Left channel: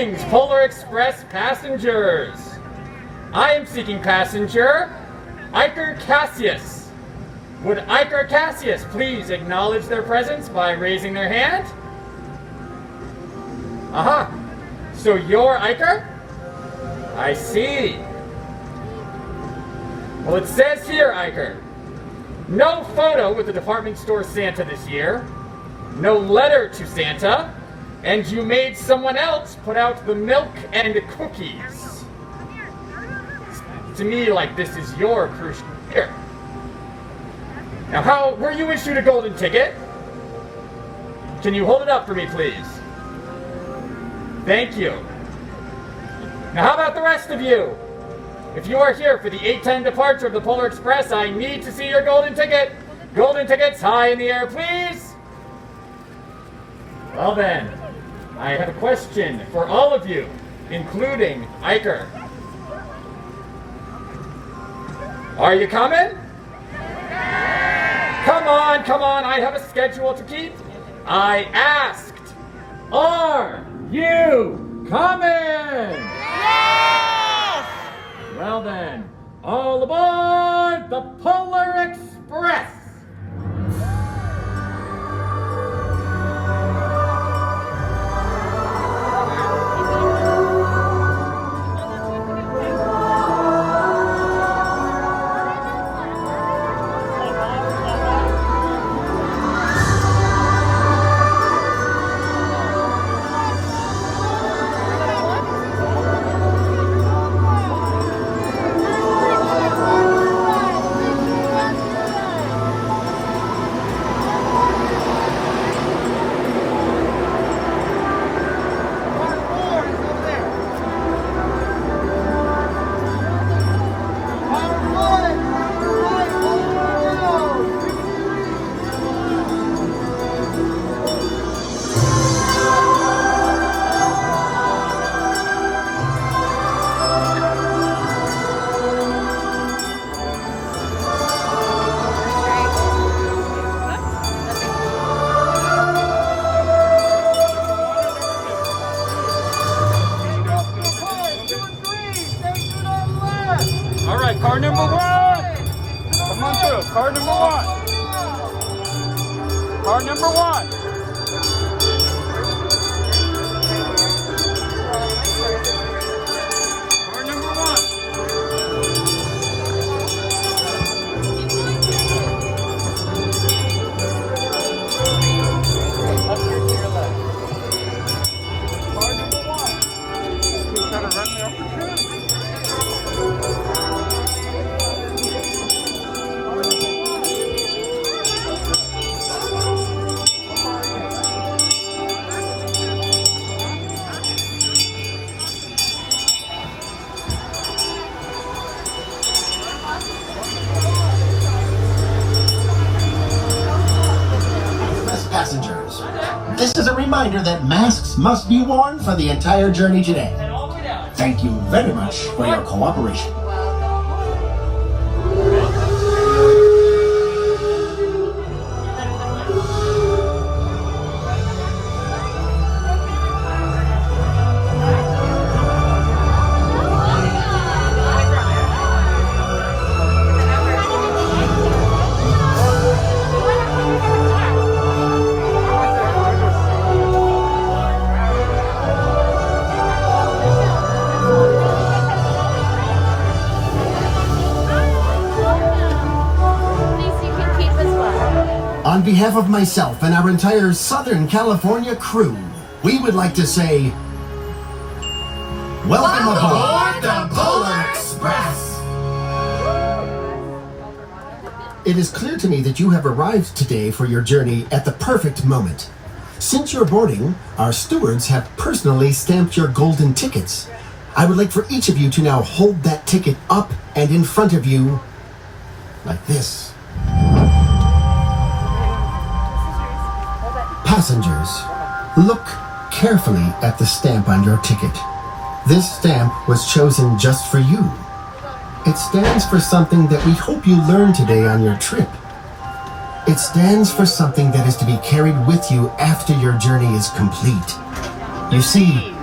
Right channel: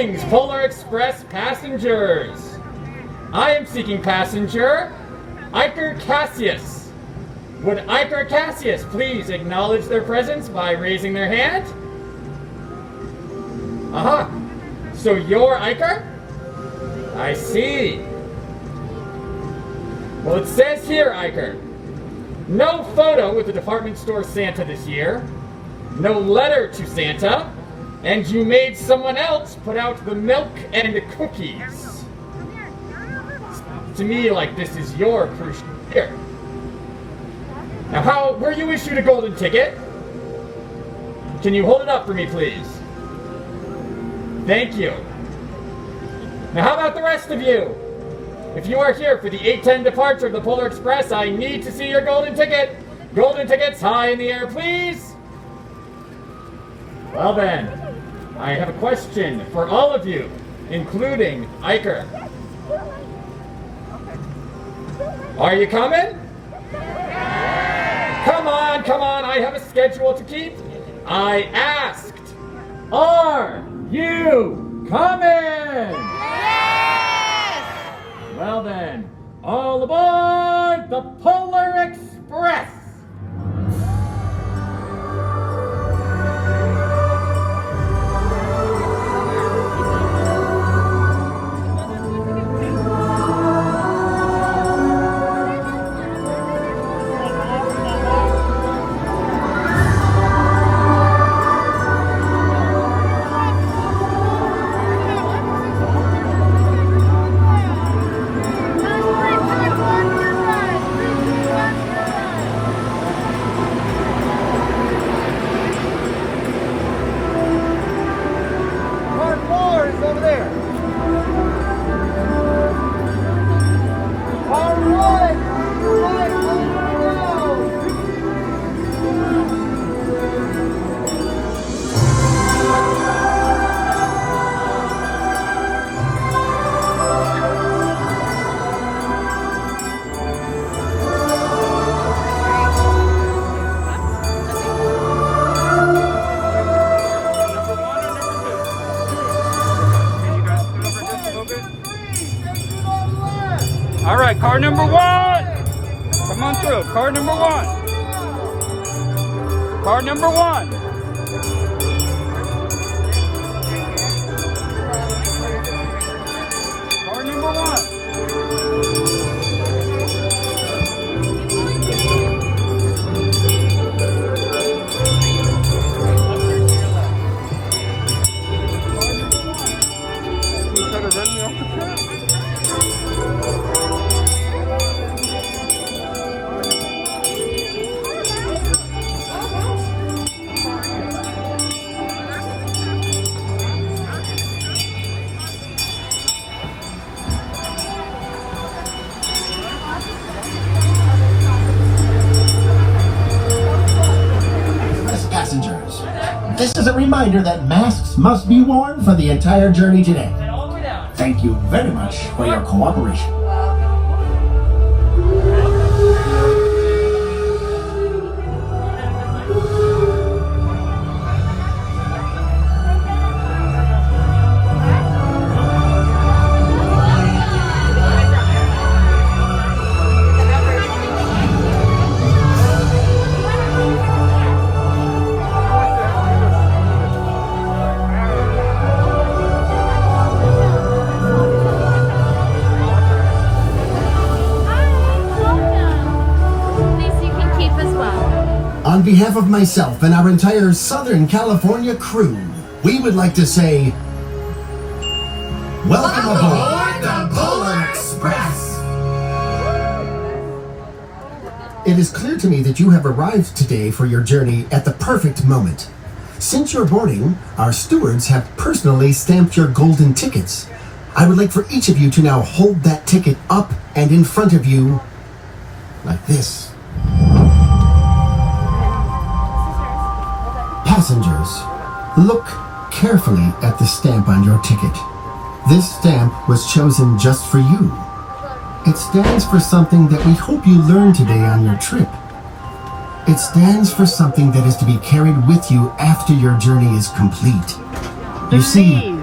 Greetings, Polar Express passengers. I am seeking passenger Iker Cassius. Would Iker Cassius please acknowledge their presence by raising their hand? Aha! So you're Iker? I see. Well, it says here, Iker, no photo with the department store Santa this year, no letter to Santa, and you made someone else put out the milk and cookies. To me, like this is your crucial year. Now, were you issued a golden ticket? Can you hold it up for me, please? Thank you. Now, how about the rest of you? If you are here for the 8:10 departure of the Polar Express, I need to see your golden ticket. Golden tickets high in the air, please. Well then, I have a question for all of you, including Iker. Are you coming? Come on, I have a schedule to keep. I asked, are you coming? Yes! Well then, all aboard the Polar Express! All right, car number one. Come on through. Car number one. Car number one. Car number one. You trying to run me off the trip? Passengers, this is a reminder that masks must be worn for the entire journey today. Thank you very much for your cooperation. On behalf of myself and our entire Southern California crew, we would like to say, welcome aboard the Polar Express! It is clear to me that you have arrived today for your journey at the perfect moment. Since your boarding, our stewards have personally stamped your golden tickets. I would like for each of you to now hold that ticket up and in front of you, like this. Passengers, look carefully at the stamp on your ticket. This stamp was chosen just for you. It stands for something that we hope you learn today on your trip. It stands for something that is to be carried with you after your journey is complete. You see,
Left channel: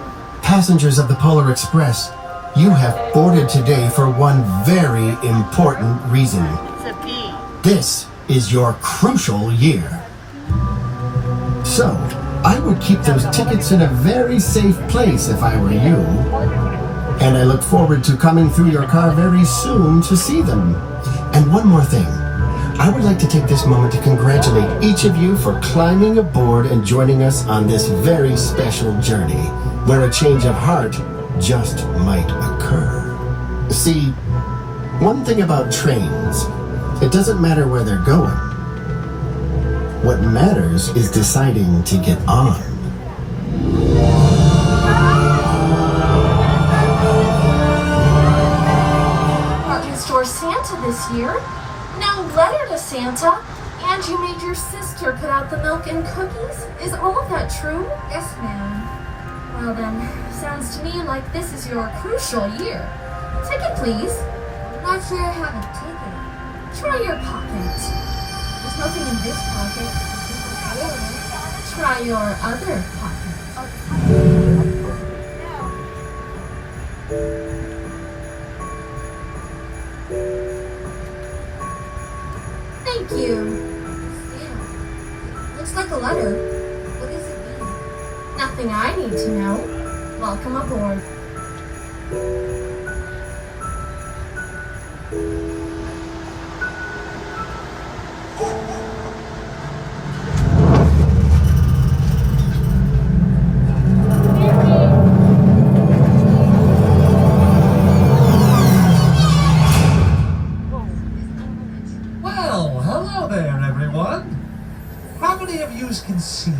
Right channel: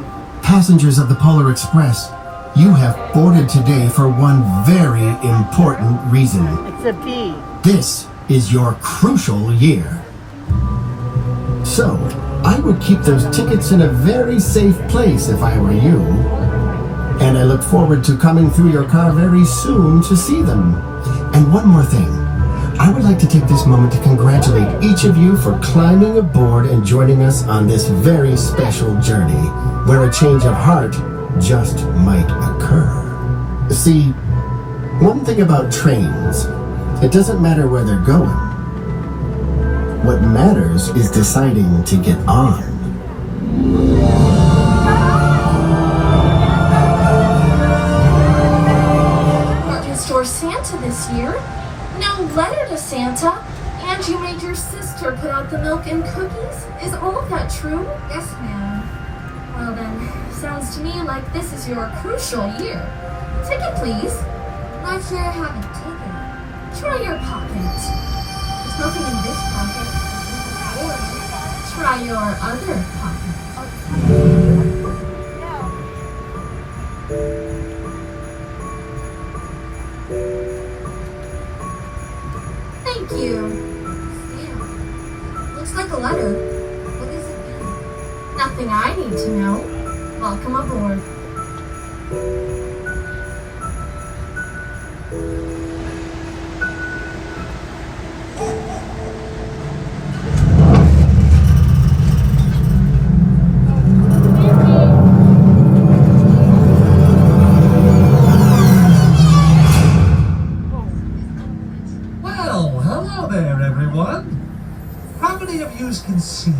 Passengers of the Polar Express, you have boarded today for one very important reason. It's a P. This is your crucial year. So, I would keep those tickets in a very safe place if I were you. And I look forward to coming through your car very soon to see them. And one more thing. I would like to take this moment to congratulate each of you for climbing aboard and joining us on this very special journey, where a change of heart just might occur. See, one thing about trains, it doesn't matter where they're going. What matters is deciding to get on. Department store Santa this year. No letter to Santa. And you made your sister put out the milk and cookies? Is all of that true? Yes, ma'am. Well then, sounds to me like this is your crucial year. Ticket, please. Not sure I haven't taken it. Try your pocket. There's nothing in this pocket. Or try your other pocket. Thank you. Yeah. Looks like a letter. What does it mean? Nothing I need to know. Welcome aboard. Well, hello there, everyone. How many of you can see me?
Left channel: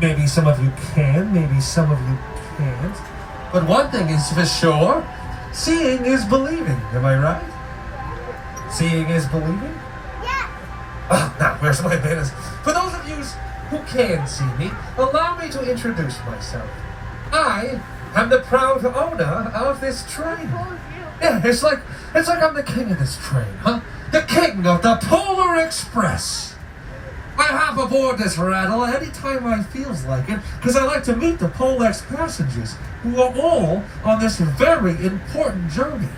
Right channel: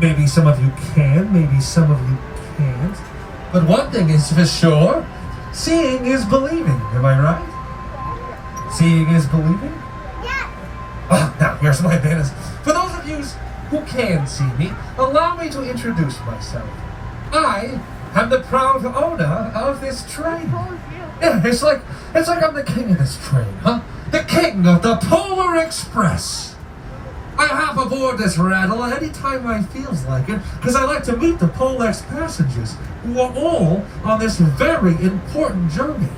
Maybe some of you can, maybe some of you can't. But one thing is for sure, seeing is believing, am I right? Seeing is believing? Yeah. Well, now, where's my manners? For those of you who can see me, allow me to introduce myself. I am the proud owner of this train. Yeah, it's like I'm the king of this train, huh? The king of the Polar Express. I hop aboard this rattle anytime I feels like it, because I like to meet the Polex passengers, who are all on this very important journey.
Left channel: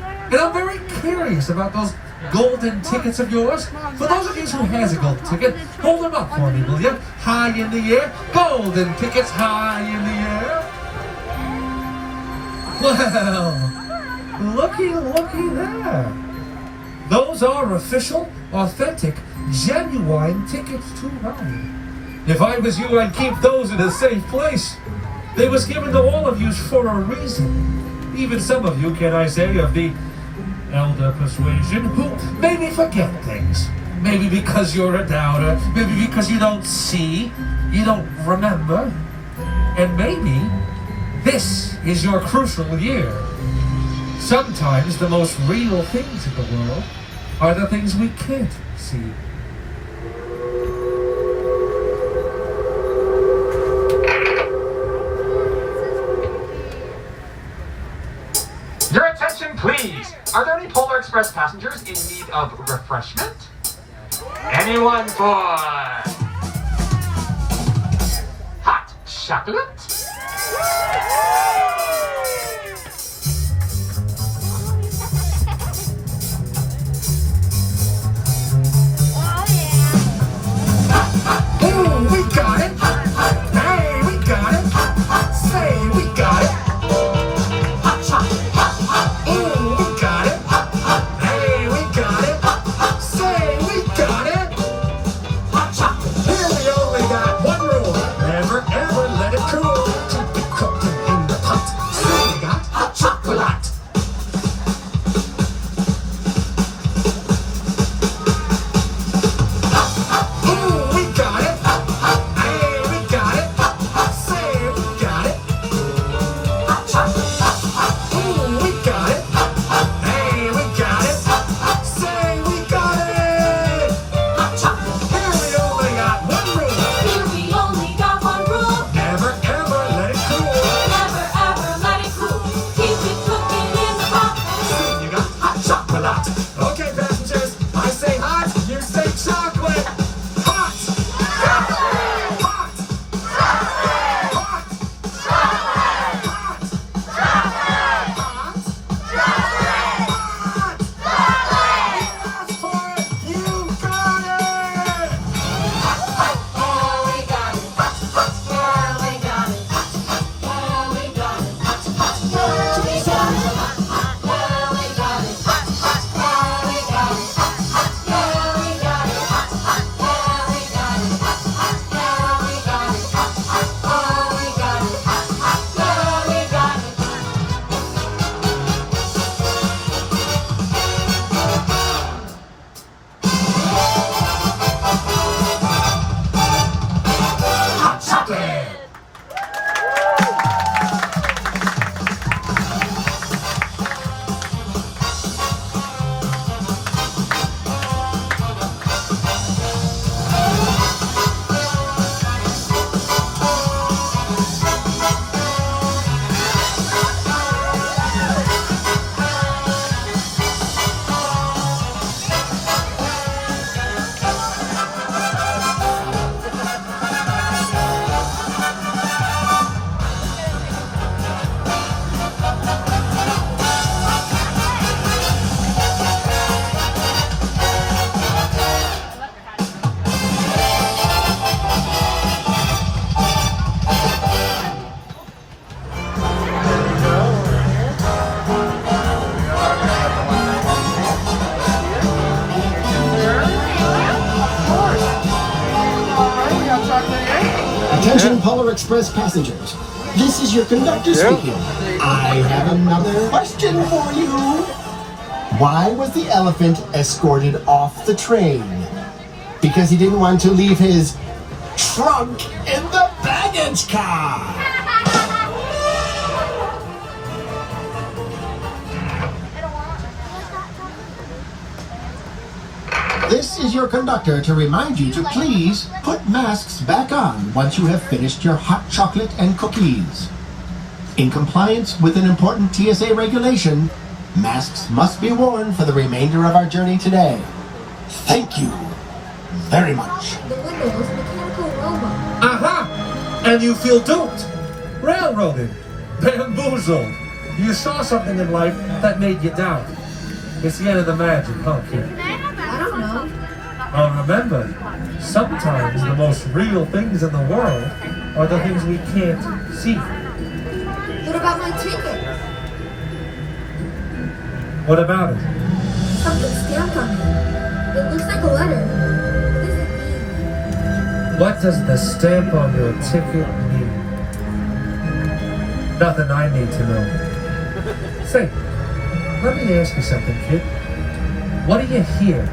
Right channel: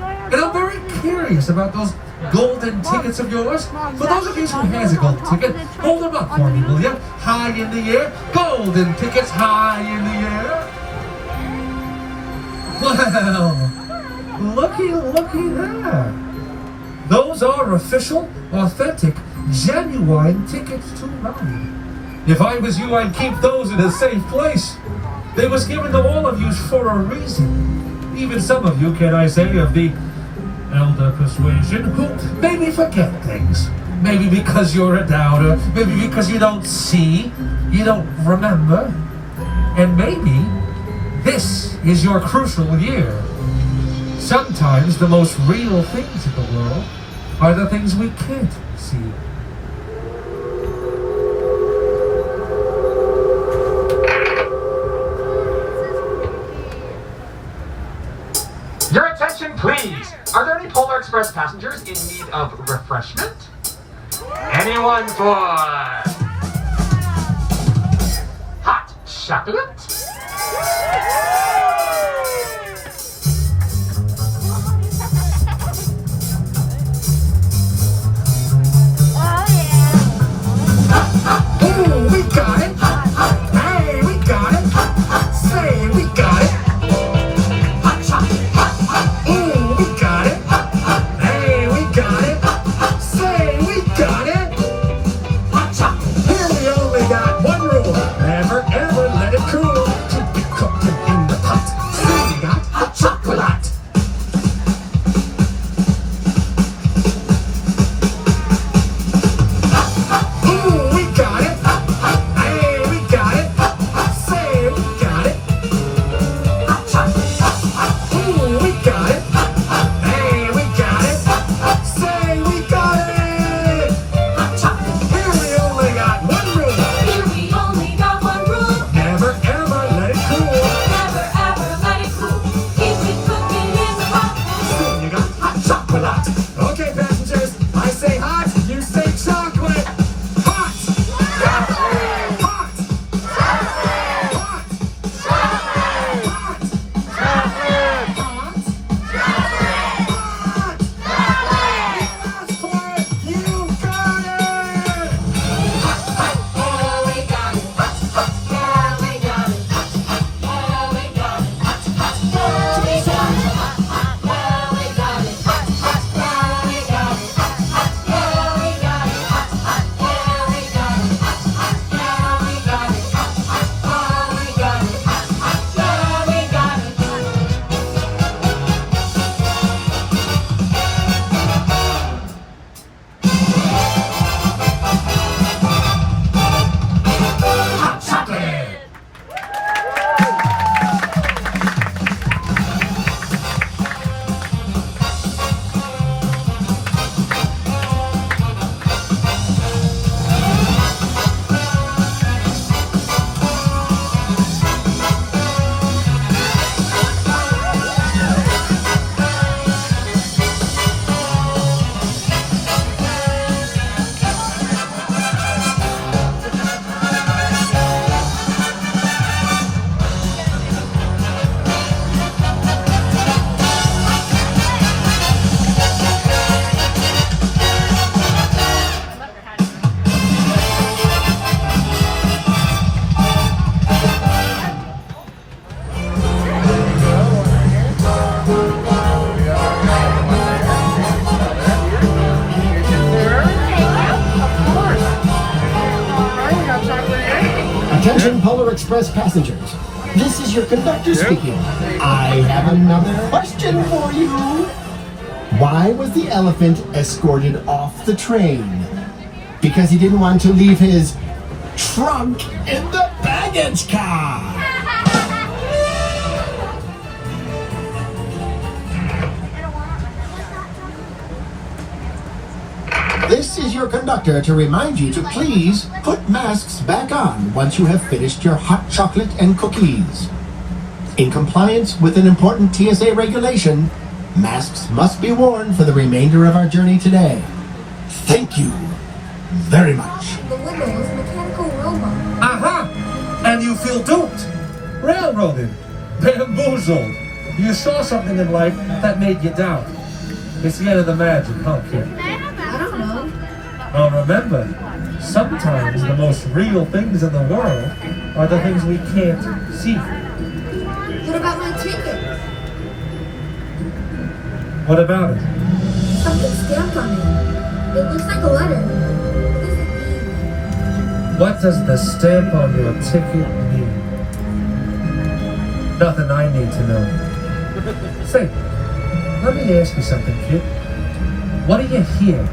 And I'm very curious about those golden tickets of yours. For those of you who has a golden ticket, hold them up for me, will you? High in the air. Golden tickets high in the air. Well, looky there. Those are official, authentic, genuine tickets to ride. If I was you, I'd keep those in a safe place. They was given to all of you for a reason. Even some of you, can I say, of the elder persuasion, who maybe forget things. Maybe because you're a doubter, maybe because you don't see, you don't remember. And maybe this is your crucial year. Sometimes the most real things in the world are the things we can't see. Your attention, please. Are there any Polar Express passengers in need of refreshment? Anyone for hot chocolate? Ooh, we got it! Hey, we got it! Say, we got it! Ooh, we got it! Hey, we got it! Say, we got it! Here we only got one rule. Never ever let it cool. Attention Polar Express passengers. This is your conductor speaking. I have another question for you. Why was the elephant escorted off the train? Because he didn't want to leave his trunk in the baggage car. This is your conductor to remind you to please put masks back on once you have finished your hot chocolate and cookies. In compliance with an important TSA regulation, masks must be worn for the remainder of our journey today. Thank you very much. The window is mechanical robot. Aha! And you feel duped, railroaded, bamboozled. You saw something in life that made you doubt. It's the end of the magic, huh, kid? I don't know. Well, remember, sometimes the most real things in the world are the things we can't see. What about my ticket? What about it? Something stamped on it. It looks like a letter. What does it mean? What does the stamp on your ticket mean? Nothing I need to know. Say, let me ask you something, kid. What do you hear?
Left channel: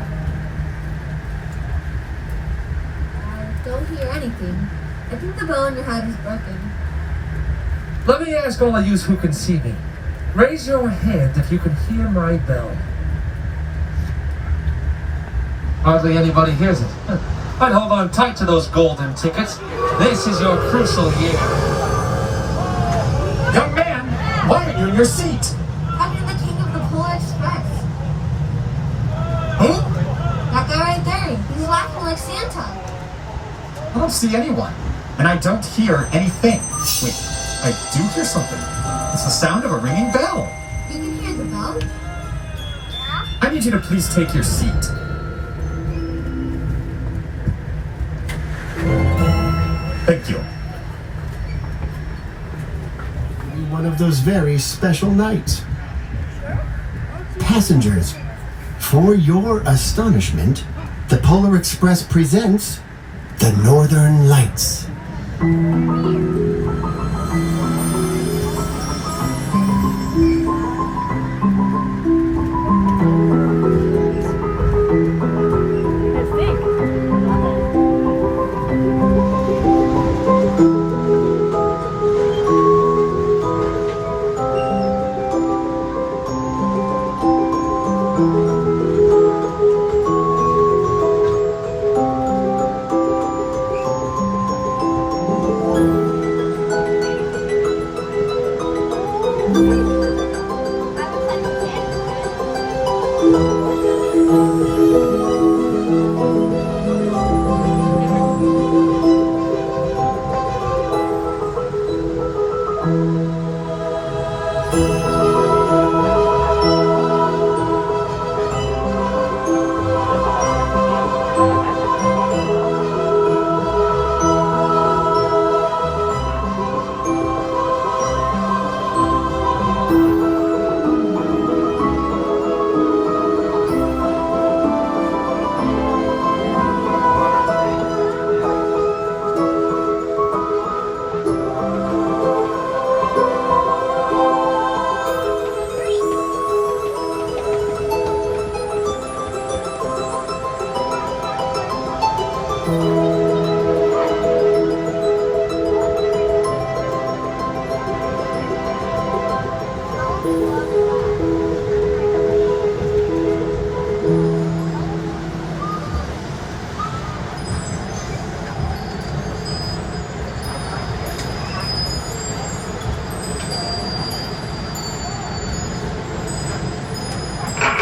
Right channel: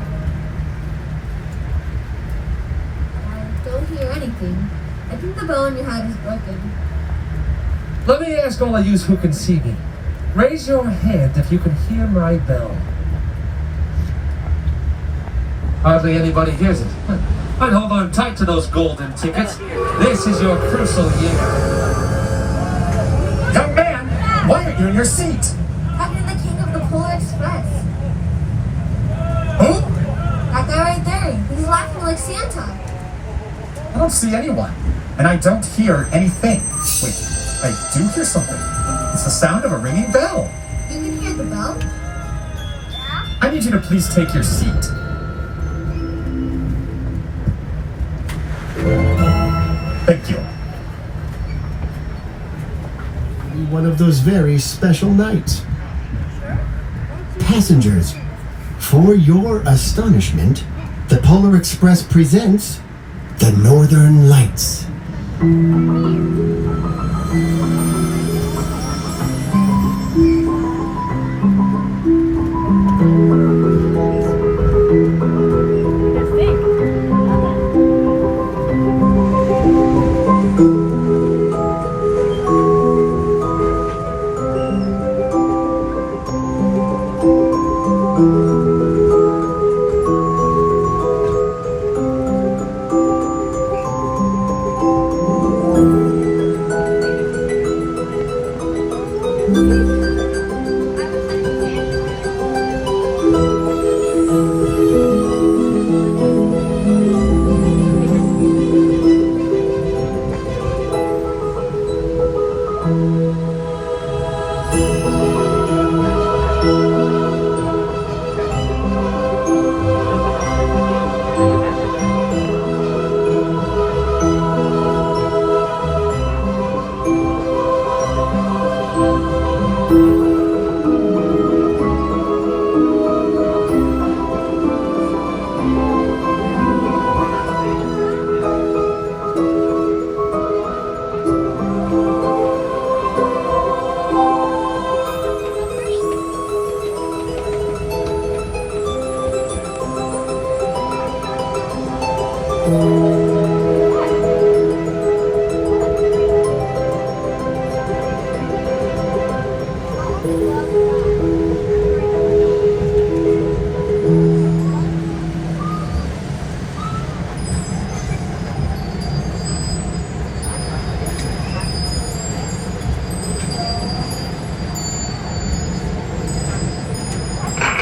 I don't hear anything. I think the bell on your hat is broken. Let me ask all of you who can see me. Raise your hand if you can hear my bell. Hardly anybody hears it. I'd hold on tight to those golden tickets. This is your crucial year. Young man, why are you in your seat? I'm the king of the Polar Express. Who? That guy right there. He's laughing like Santa. I don't see anyone, and I don't hear anything. Wait, I do hear something. It's the sound of a ringing bell. You can hear the bell? I need you to please take your seat. Thank you. One of those very special nights. Passengers, for your astonishment, the Polar Express presents the Northern Lights.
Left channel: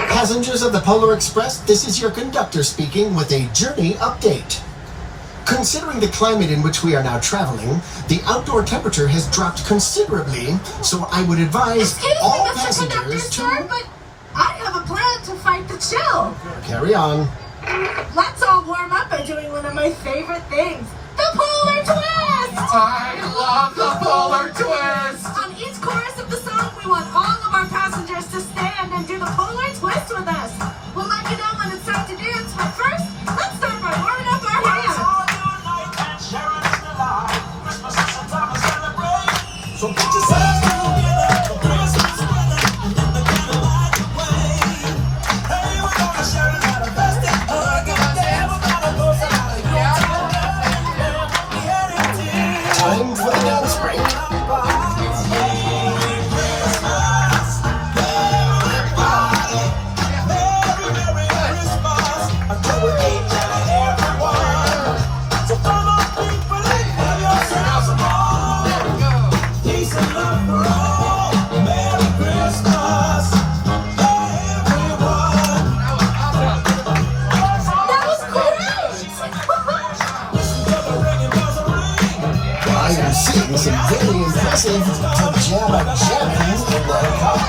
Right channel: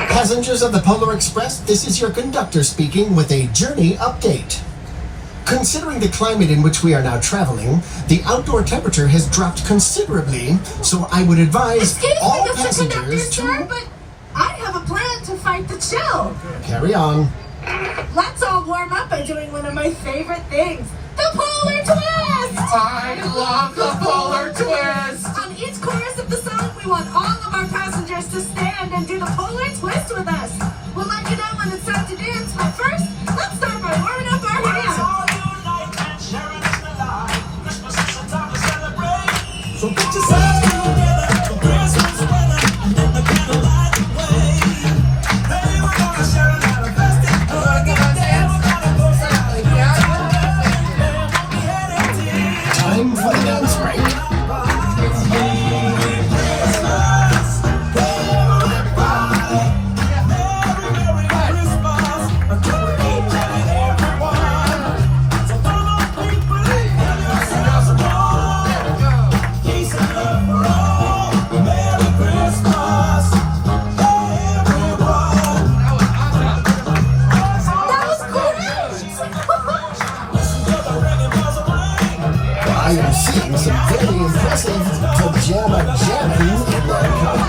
Passengers of the Polar Express, this is your conductor speaking with a journey update. Considering the climate in which we are now traveling, the outdoor temperature has dropped considerably, so I would advise Excuse all me, Mr. Conductor, passengers sir, to but I have a plan to fight the chill. carry on. Let's all warm up by doing one of my favorite things, the Polar Twist! I love the Polar Twist! On each chorus of the song, we want all of our passengers to stand and do the Polar Twist with us. We'll let you know when it's time to dance, but first, let's start by warming up our hands. Time for the dance break. I am seeing some very impressive pajama jamming in that car.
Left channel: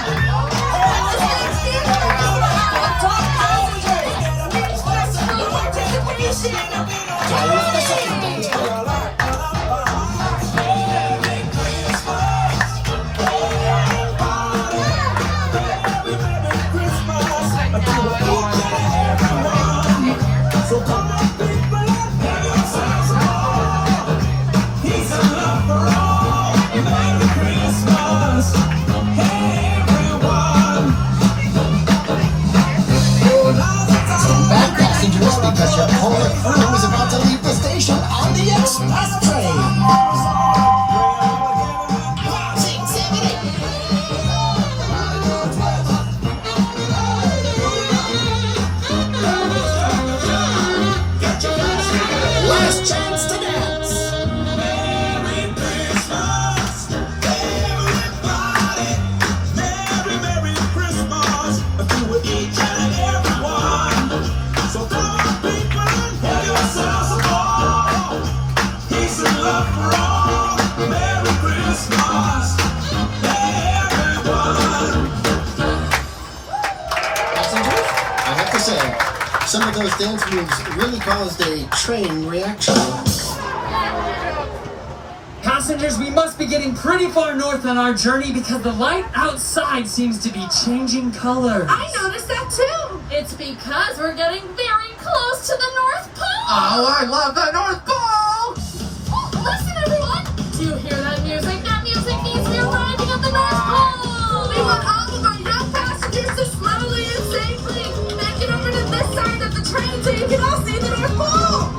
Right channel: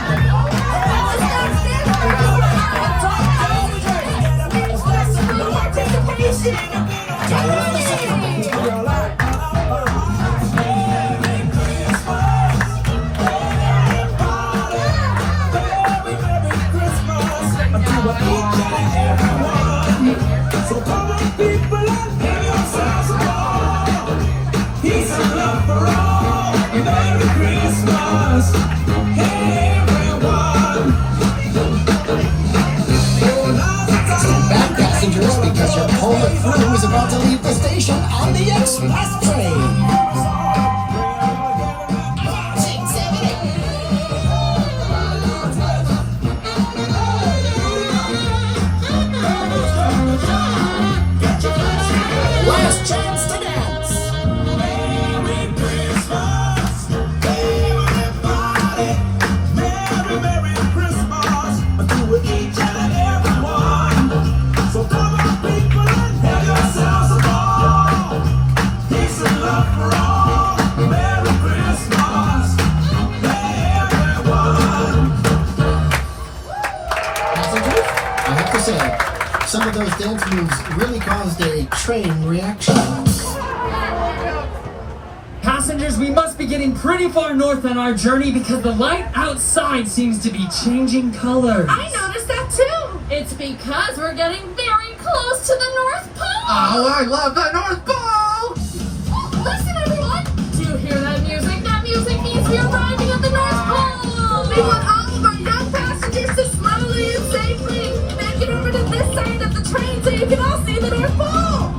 Stand back, passengers, because your opponent crew is about to leave the station on the express train. Last chance to dance. Passengers, I have to say, some of those dance moves really caused a train reaction. Passengers, we must be getting pretty far north on our journey because the light outside seems to be changing colors. I noticed that too. It's because we're getting very close to the North Pole. Oh, I love the North Pole! Oh, listen, everyone. Do you hear that music? That music means we're arriving at the North Pole. We want all of our young passengers to slowly and safely make it over to this side of the train so you can all see the North Pole.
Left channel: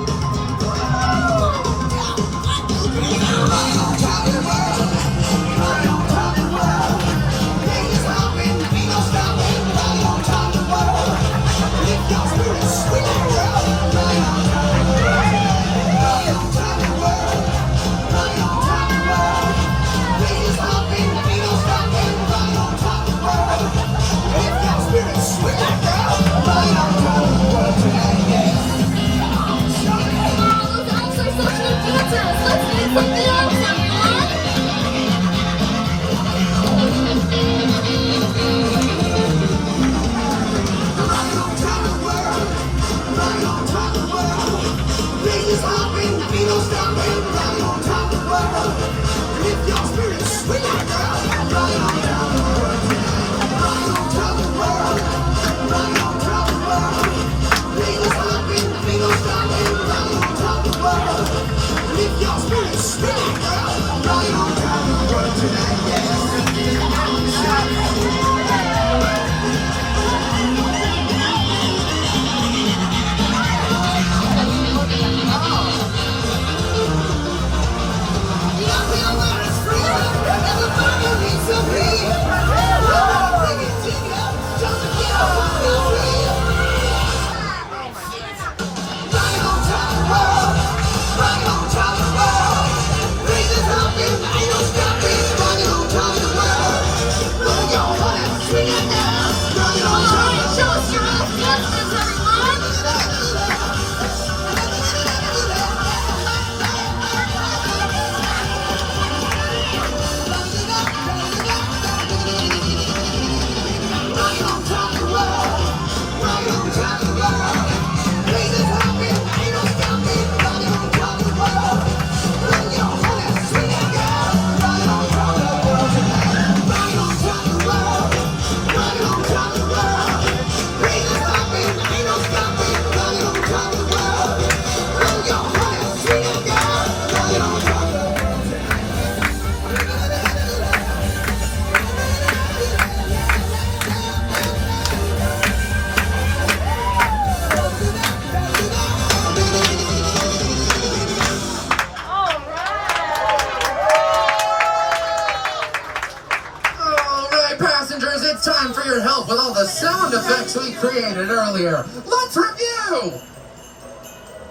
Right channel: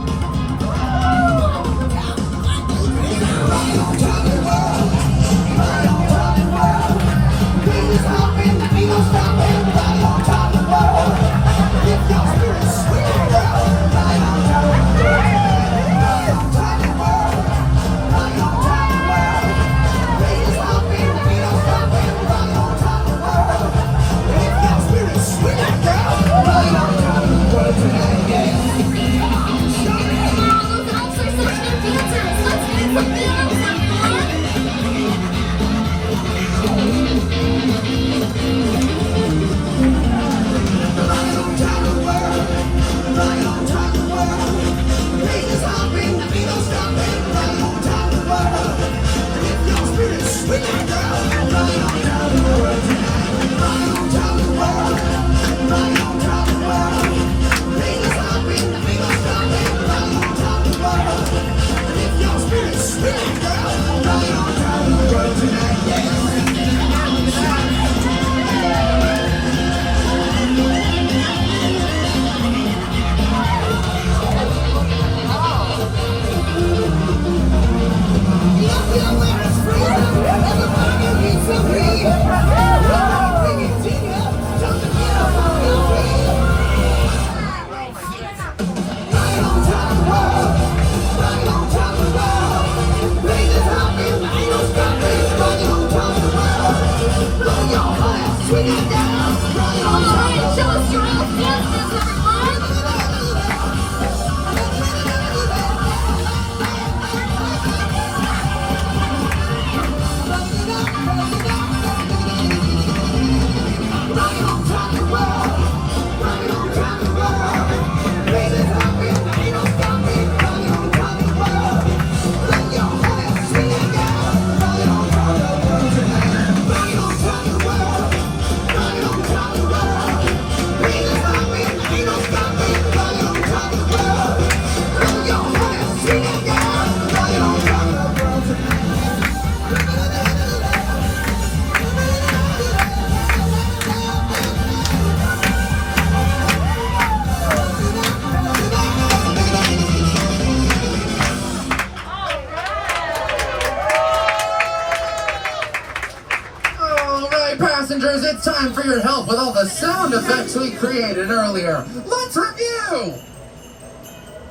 everyone for your help with all the sound effects we created earlier. Let's review!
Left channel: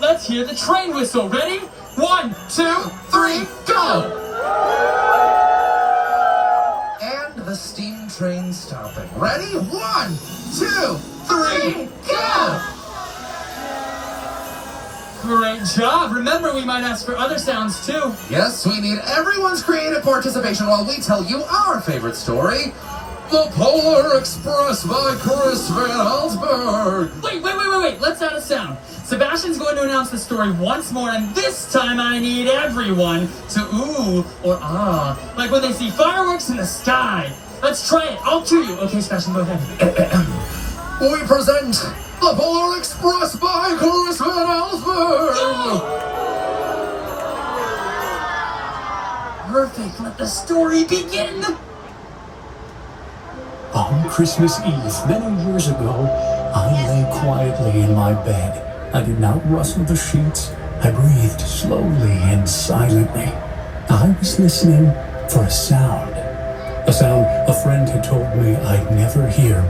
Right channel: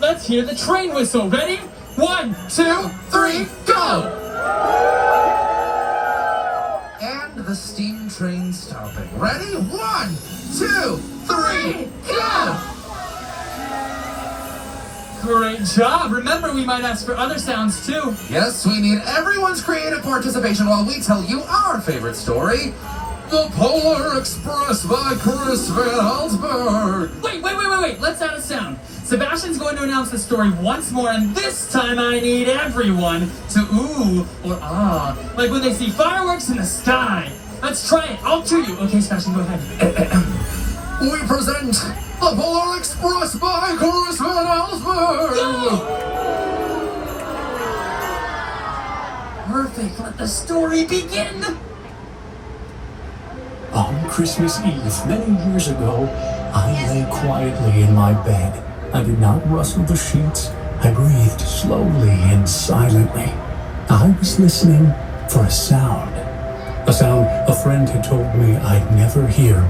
Let's hear the train whistle. Ready? 1, 2, 3, go! And the steam train stopping. Ready? 1, 2, 3, go! Great job. Remember, we might ask for other sounds too. Yes, we need everyone's creative participation while we tell you our favorite story. The Polar Express by Chris Van Allsburg. Wait. Let's add a sound. Sebastian's going to announce the story once more, and this time I need everyone to ooh or ah, like when they see fireworks in the sky. Let's try it. I'll cue you. Okay, Sebastian, go ahead. We present The Polar Express by Chris Van Allsburg. Perfect. Let the story begin. On Christmas Eve, many years ago, I lay quietly in my bed. I did not rustle the sheets. I breathed slowly and silently. I was listening for a sound a friend had told me I'd never hear.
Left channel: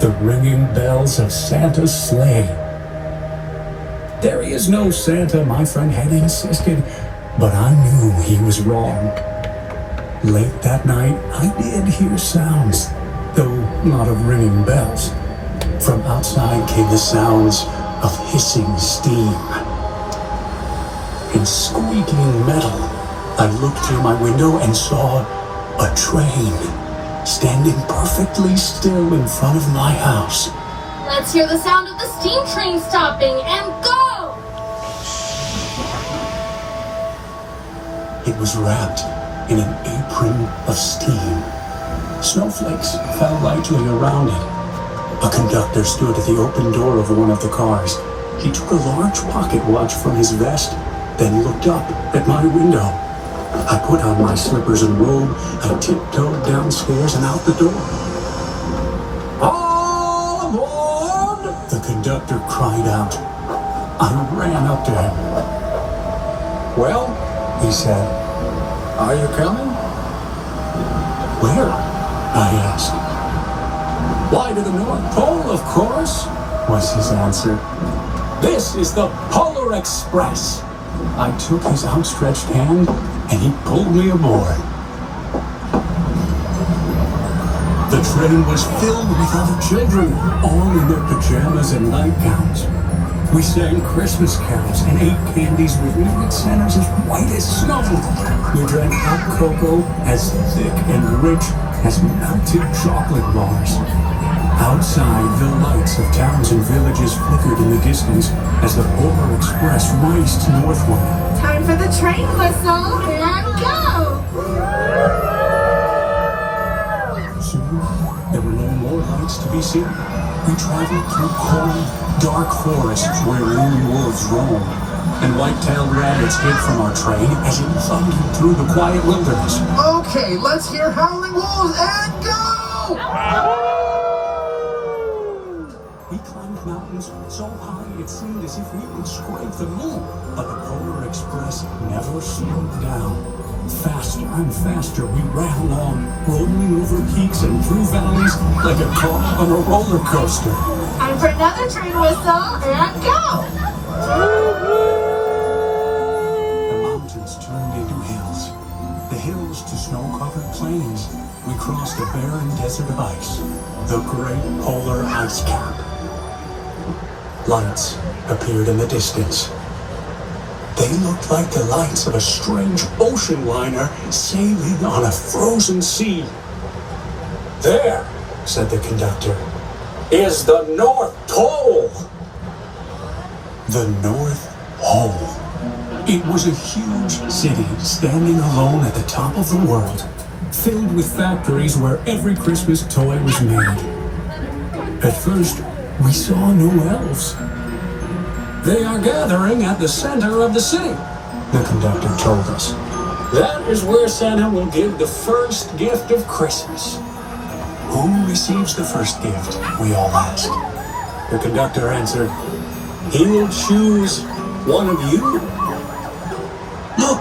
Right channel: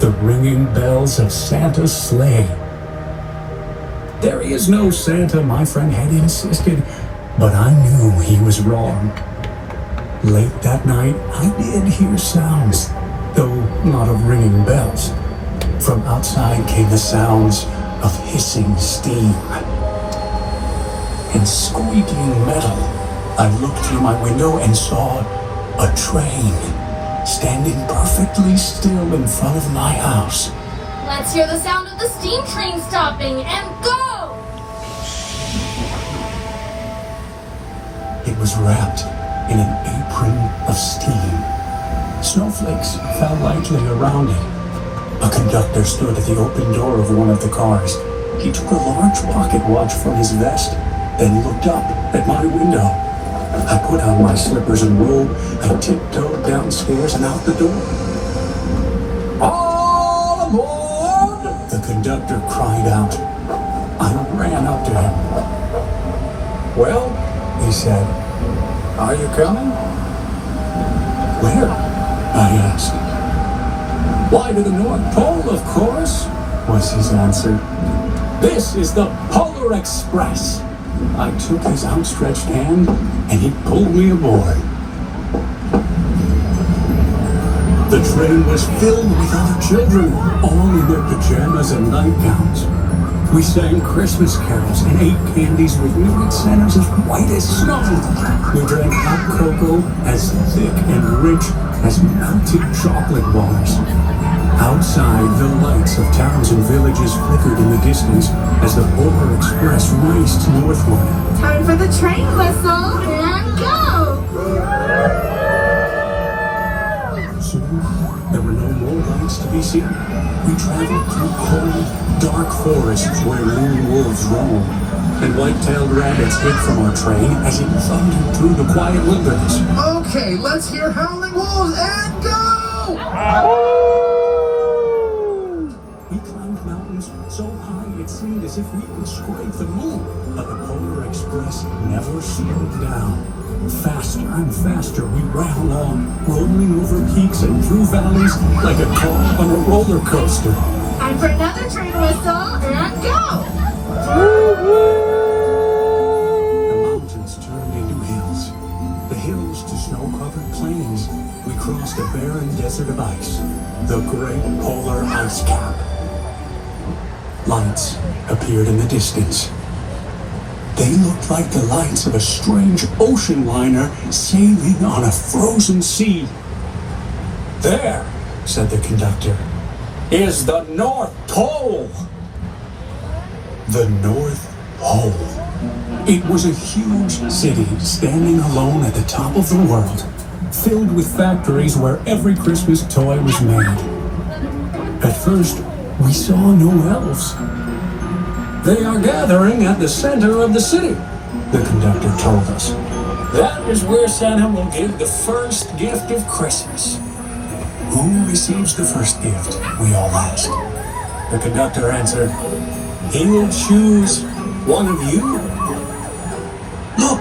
The ringing bells of Santa's sleigh. There is no Santa, my friend had insisted, but I knew he was wrong. Late that night, I did hear sounds, though not of ringing bells. From outside came the sounds of hissing steam and squeaking metal. I looked through my window and saw a train standing perfectly still in front of my house. Let's hear the sound of the steam train stopping and go! It was wrapped in an apron of steam. Snowflakes fell lightly around it. A conductor stood at the open door of one of the cars. He took a large pocket watch from his vest, then looked up at my window. I put on my slippers and robe. I tiptoed downstairs and out the door. All aboard! The conductor cried out. I ran up to him. Well, he said, are you coming? Where? I asked. Why, to the North Pole, of course, was his answer. This is the Polar Express. I took his outstretched hand, and he pulled me aboard. The train was filled with other children, all in their pajamas and nightgowns. We sang Christmas carols and ate candies with nugget centers as white as snow. We drank hot cocoa as thick and rich as melted chocolate bars. Outside, the lights of towns and villages flickered in the distance as the Polar Express raced northward. Time for the train whistle and go! Soon, there were no more lights to be seen. We traveled through cold, dark forests where lone wolves roamed, and white-tailed rabbits hid from our train as it thundered through the quiet wilderness. Okay, let's hear Howling Wolves and go! We climbed mountains so high it seemed as if we would scrape the moon, but the Polar Express never slowed down. Faster and faster we ran along, rolling over peaks and through valleys like a car on a roller coaster. Time for another train whistle and go! The mountains turned into hills, the hills to snow-covered plains. We crossed a barren desert of ice, the great polar ice cap. Lights appeared in the distance. They looked like the lights of a strange ocean liner sailing on a frozen sea. There, said the conductor, is the North Pole. The North Pole. It was a huge city standing alone at the top of the world, filled with factories where every Christmas toy was made. At first, we saw no elves. They are gathering at the center of the city, the conductor told us. That is where Santa will give the first gift of Christmas. Who receives the first gift? We all asked. The conductor answered, he will choose one of you. Look,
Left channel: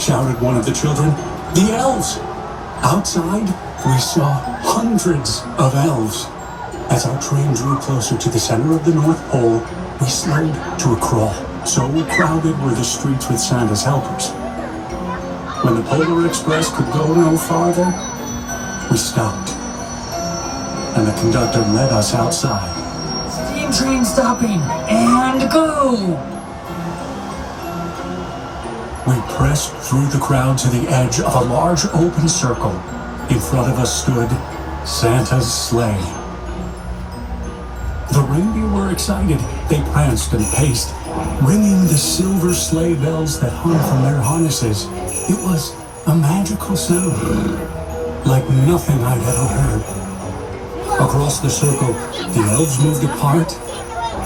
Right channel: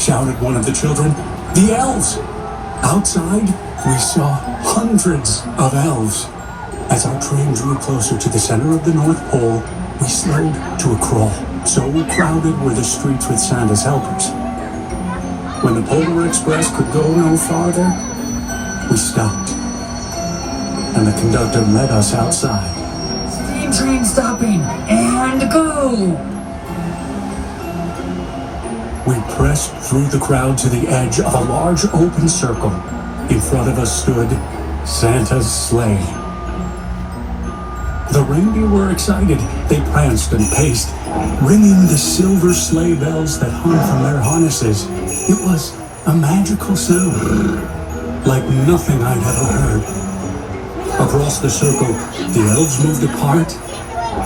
shouted one of the children, the elves. Outside, we saw hundreds of elves. As our train drew closer to the center of the North Pole, we slowed to a crawl. So crowded were the streets with Santa's helpers. When the Polar Express could go no farther, we stopped. And the conductor led us outside. Steam train stopping, and go! We pressed through the crowd to the edge of a large open circle. In front of us stood Santa's sleigh. The reindeer were excited. They pranced and paced, ringing the silver sleigh bells that hung from their harnesses. It was a magical sound, like nothing I'd ever heard. Across the circle, the elves moved apart,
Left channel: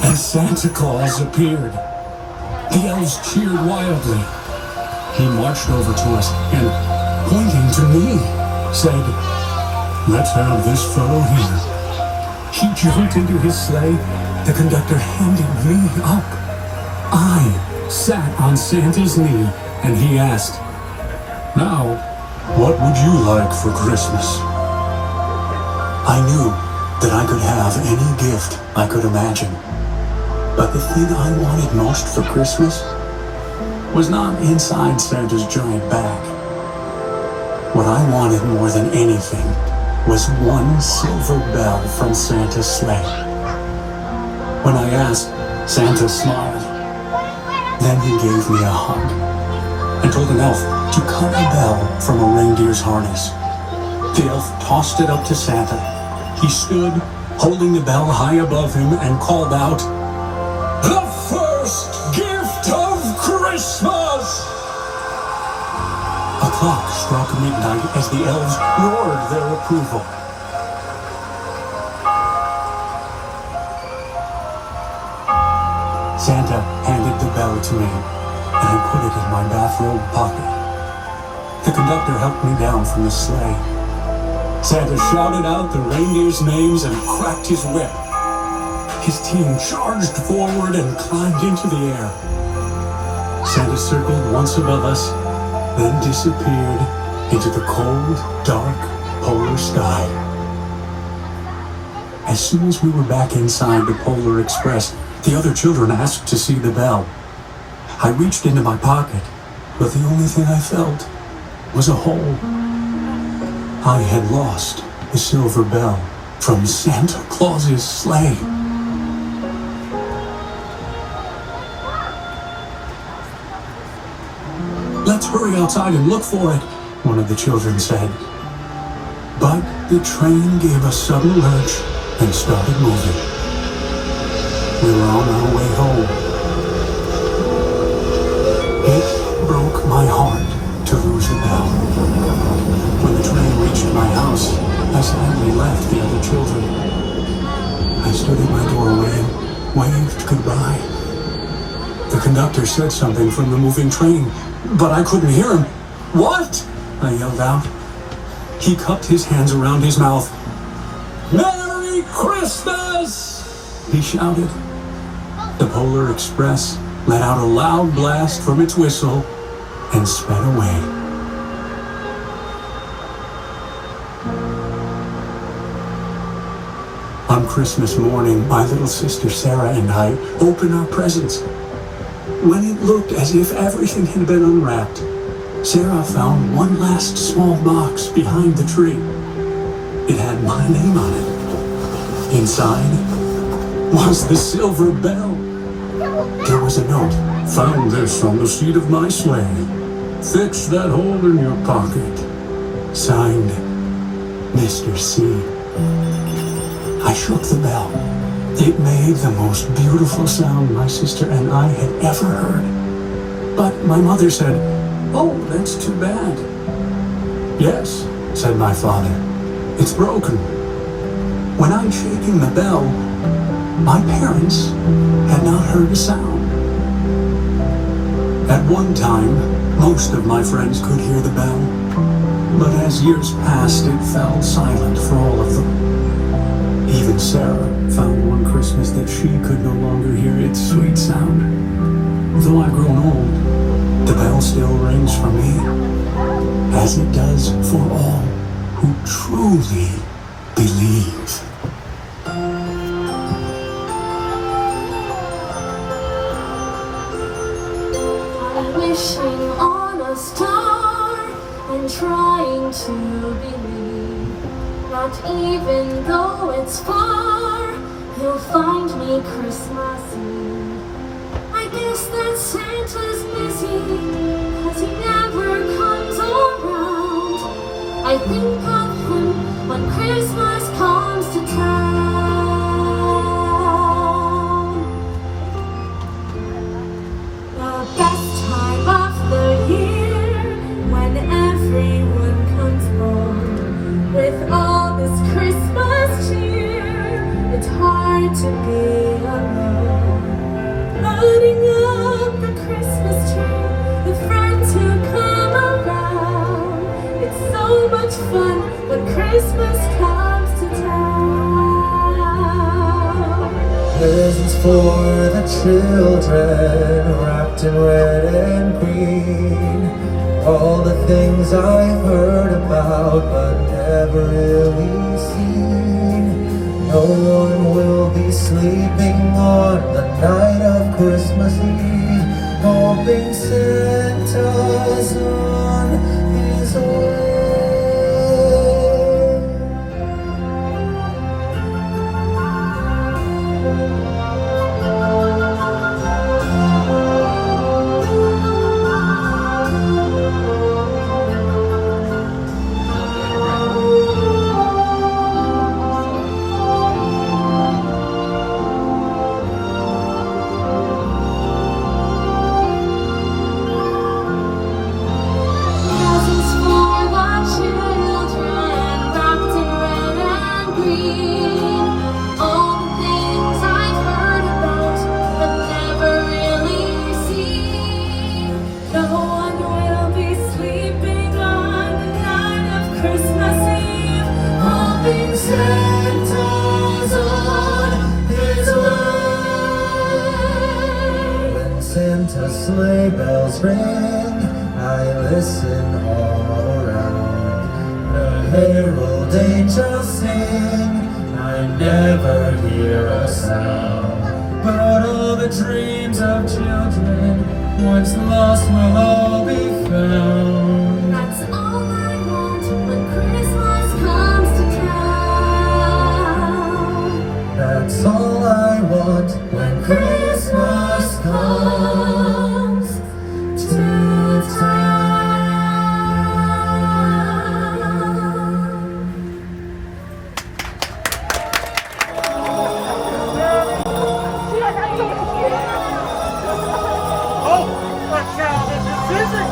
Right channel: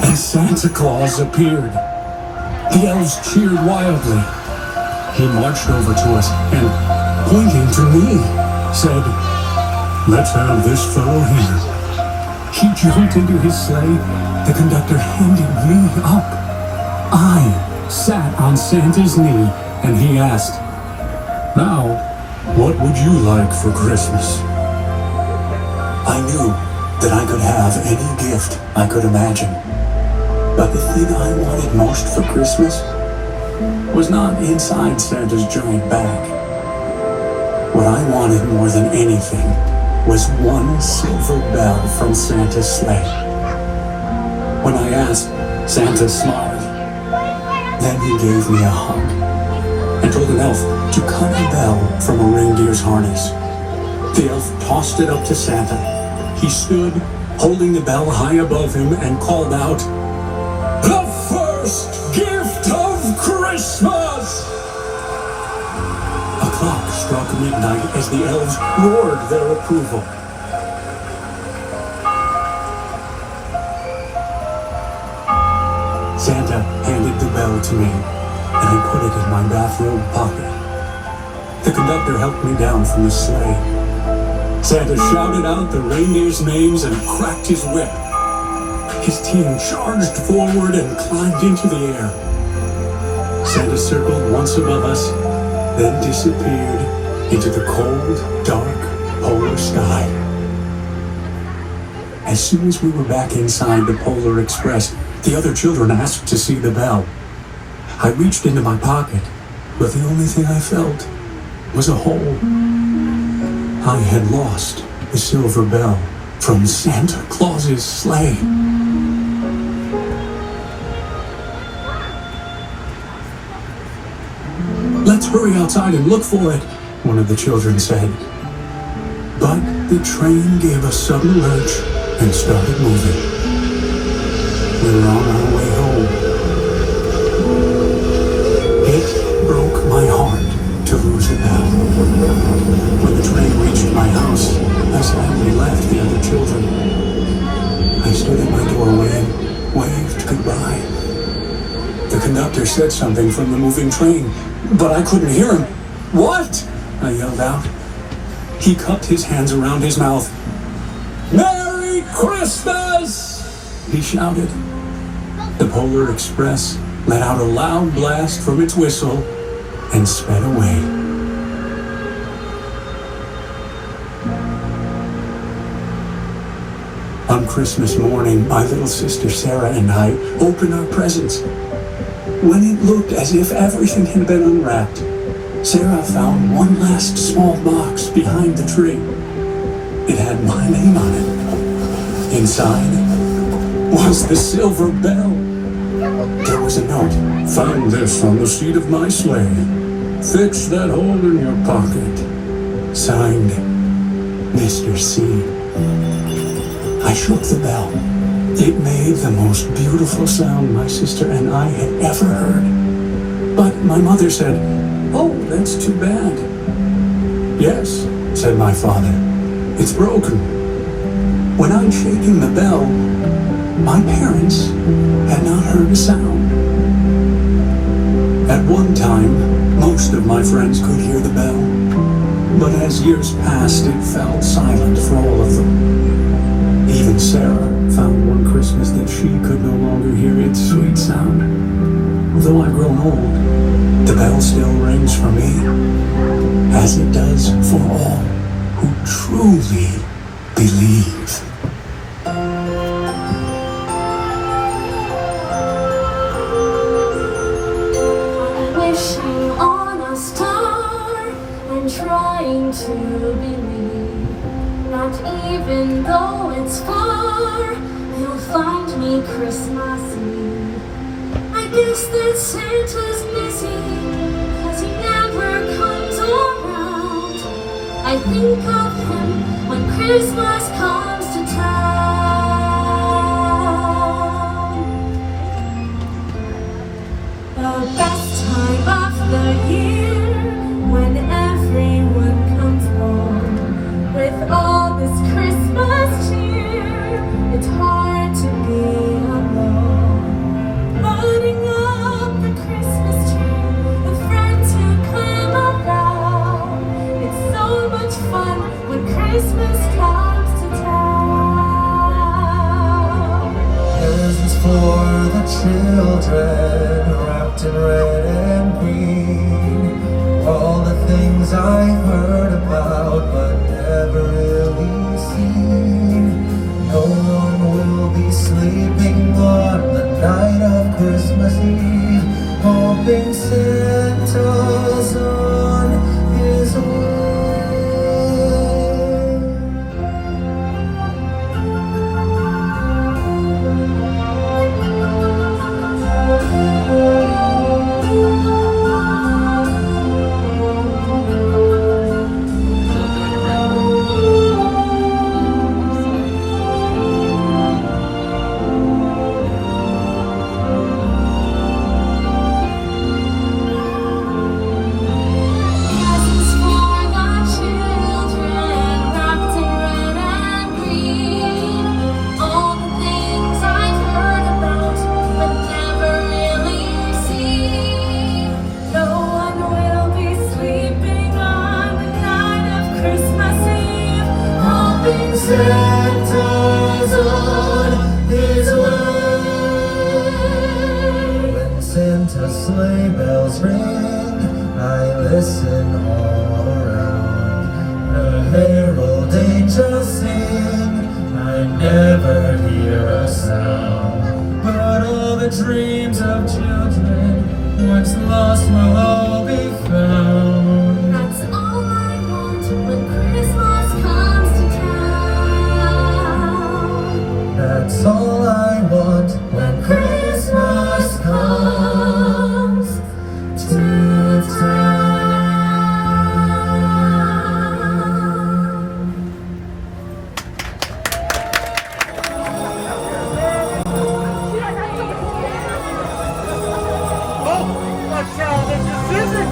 and Santa Claus appeared. The elves cheered wildly. He marched over to us and, pointing to me, said, "Let's have this fellow here." He jumped into his sleigh. The conductor handed me up. I sat on Santa's knee, and he asked, "Now, what would you like for Christmas?" I knew that I could have any gift I could imagine. But the thing I wanted most for Christmas was not inside Santa's giant bag. What I wanted more than anything was one silver bell from Santa's sleigh. When I asked, Santa smiled. Then he gave me a hug and told an elf to cut a bell from a reindeer's harness. The elf tossed it up to Santa. He stood, holding the bell high above him, and called out, "The first gift of Christmas!" A clock struck midnight as the elves roared their approval. Santa handed the bell to me, and I put it in my bathrobe pocket. The conductor helped me down from the sleigh. Santa shouted out the reindeers' names and cracked his whip. His team charged forward and climbed into the air. Santa circled once above us, then disappeared into the cold, dark polar sky. As soon as we were back inside the Polar Express, the other children asked to see the bell. I reached into my pocket, but the only thing I felt was a hole. I had lost the silver bell from Santa Claus's sleigh. "Let's hurry outside and look for it," one of the children said. But the train gave a sudden lurch and started moving. We were on our way home. It broke my heart to lose the bell. When the train reached my house, I sadly left the other children. I stood in my doorway and waved goodbye. The conductor said something from the moving train, but I couldn't hear him. "What?" I yelled out. He cupped his hands around his mouth. "Merry Christmas!" he shouted. The Polar Express let out a loud blast from its whistle and sped away. On Christmas morning, my little sister Sarah and I opened our presents. When it looked as if everything had been unwrapped, Sarah found one last small box behind the tree. It had my name on it. Inside was the silver bell. There was a note. "Found this on the seat of my sleigh. Fix that hole in your pocket. Signed, Mr. C." I shook the bell. It made the most beautiful sound my sister and I had ever heard. But my mother said, "Oh, that's too bad." "Yes," said my father, "it's broken." When I'm shaking the bell, my parents had not heard a sound. At one time, most of my friends could hear the bell, but as years passed, it fell silent for all of them. Even Sarah found one Christmas that she could no longer hear its sweet sound. Though I've grown old, the bell still rings for me, as it does for all who truly believe. Wishing on a star and trying to believe. Not even though it's far, you'll find me Christmas Eve. I guess that Santa's busy, 'cause he never comes around. I think of him when Christmas comes to town. The best time of the year, when everyone comes home with all this Christmas cheer, it's hard to be alone. Loading up the Christmas tree with friends who come around. It's so much fun when Christmas comes to town. Presents for the children, wrapped in red and green. All the things I heard about but never really seen. No one will be sleeping on the night of Christmas Eve, hoping Santa's on his way. Presents for the children, wrapped in red and green. All the things I've heard about but never really seen. No one will be sleeping on the night of Christmas Eve, hoping Santa's on his way. When Santa's sleigh bells ring, I listen all around. The herald angels sing, I never hear a sound. But all the dreams of children, once lost, will all be found. That's all I want when Christmas comes to town. That's all I want when Christmas comes to town. Oh, that's how this is it.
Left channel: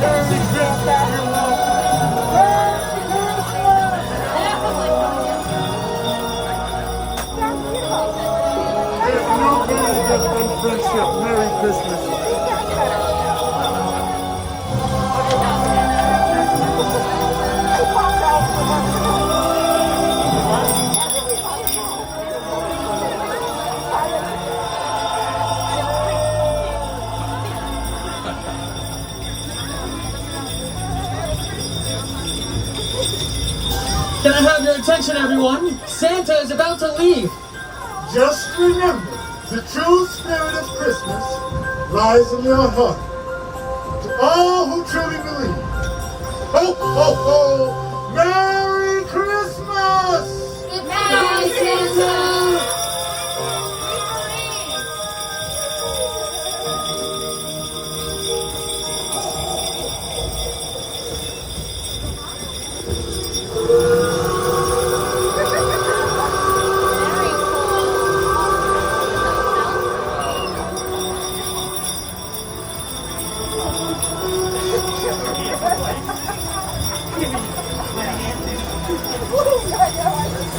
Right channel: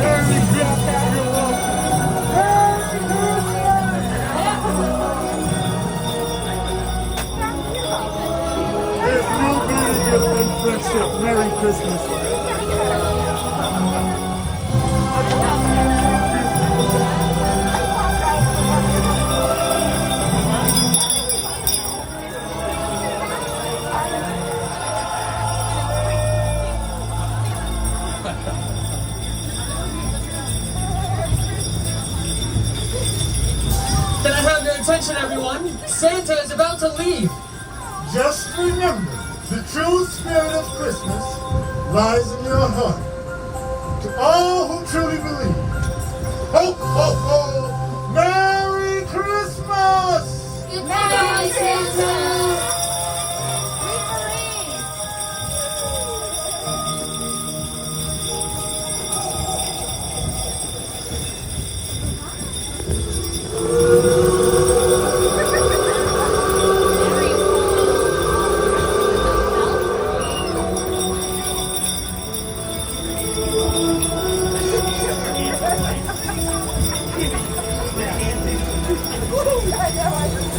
Merry Christmas, everyone. There's no better gift than friendship. Merry Christmas. Can I have your attention, everyone? Santa is about to leave. Just remember, the true spirit of Christmas lies in your heart. To all who truly believe, ho, ho, ho, Merry Christmas! Merry Santa!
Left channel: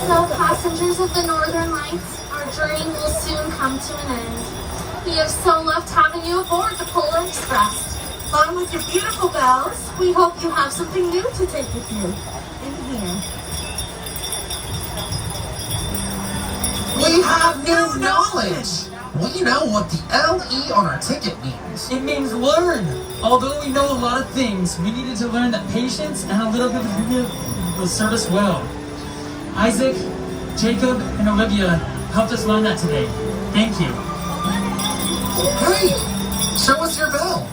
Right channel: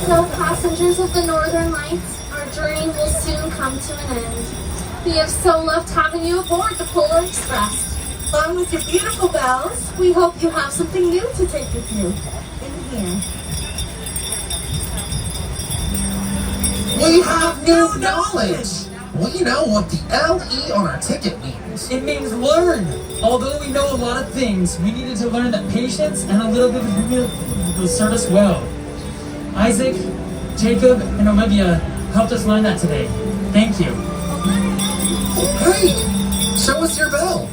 So, passengers of the Northern Lights, our journey will soon come to an end. We have so loved having you aboard the Polar Express. Along with your beautiful bells, we hope you have something new to take with you. In here. We have new knowledge. We know what the LE on our ticket means. It means learn. Although we know a lot of things, we needed to learn that patience and a little bit of will serve us well. Isaac, Jacob, and Olivia helped us learn that today. Thank you. Hey, show us your bell.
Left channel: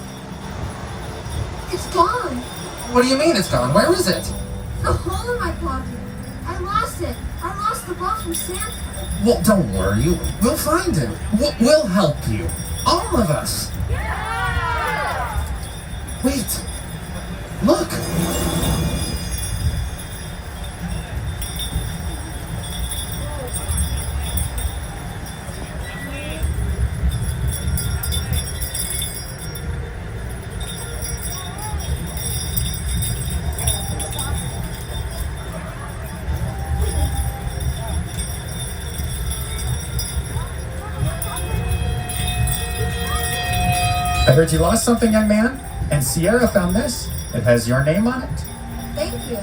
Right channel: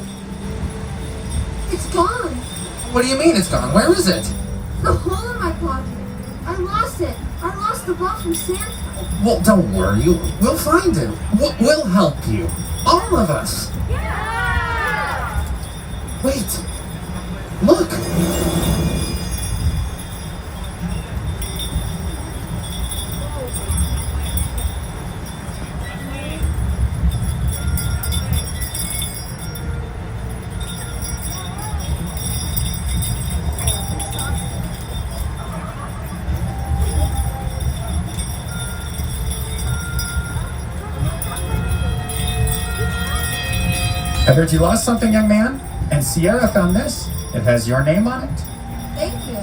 It's gone. What do you mean it's gone? Where is it? The hole in my pocket. I lost it. I lost the ball from Santa. Well, don't worry. We'll find it. We'll help you. All of us. Yeah! Wait. Look. I heard you lost something, young man, and Sierra found this. It has your name on it. Thank you.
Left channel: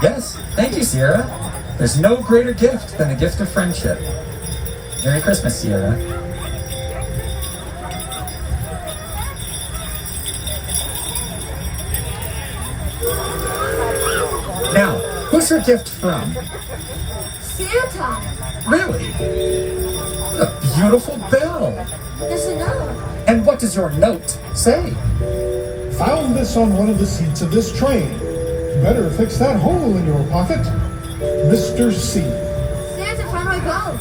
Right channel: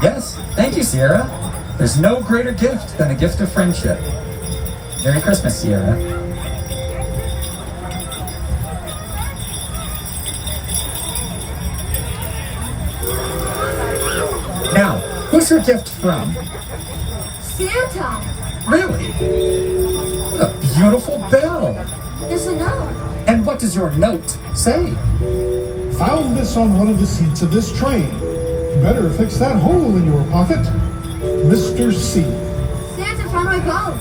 Yes, thank you, Sierra. There's no greater gift than a gift of friendship. Merry Christmas, Sierra. Now, who's your gift from? Santa. Really? A beautiful bell. There's a note. And what does your note say? Found this on one of the seats of this train. Better fix that hole in your pocket. Mr. C. Santa found my bell.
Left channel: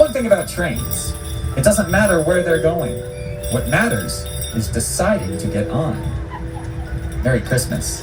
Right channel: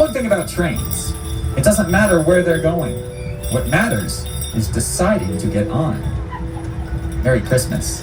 One thing about trains, it doesn't matter where they're going. What matters is deciding to get on. Merry Christmas.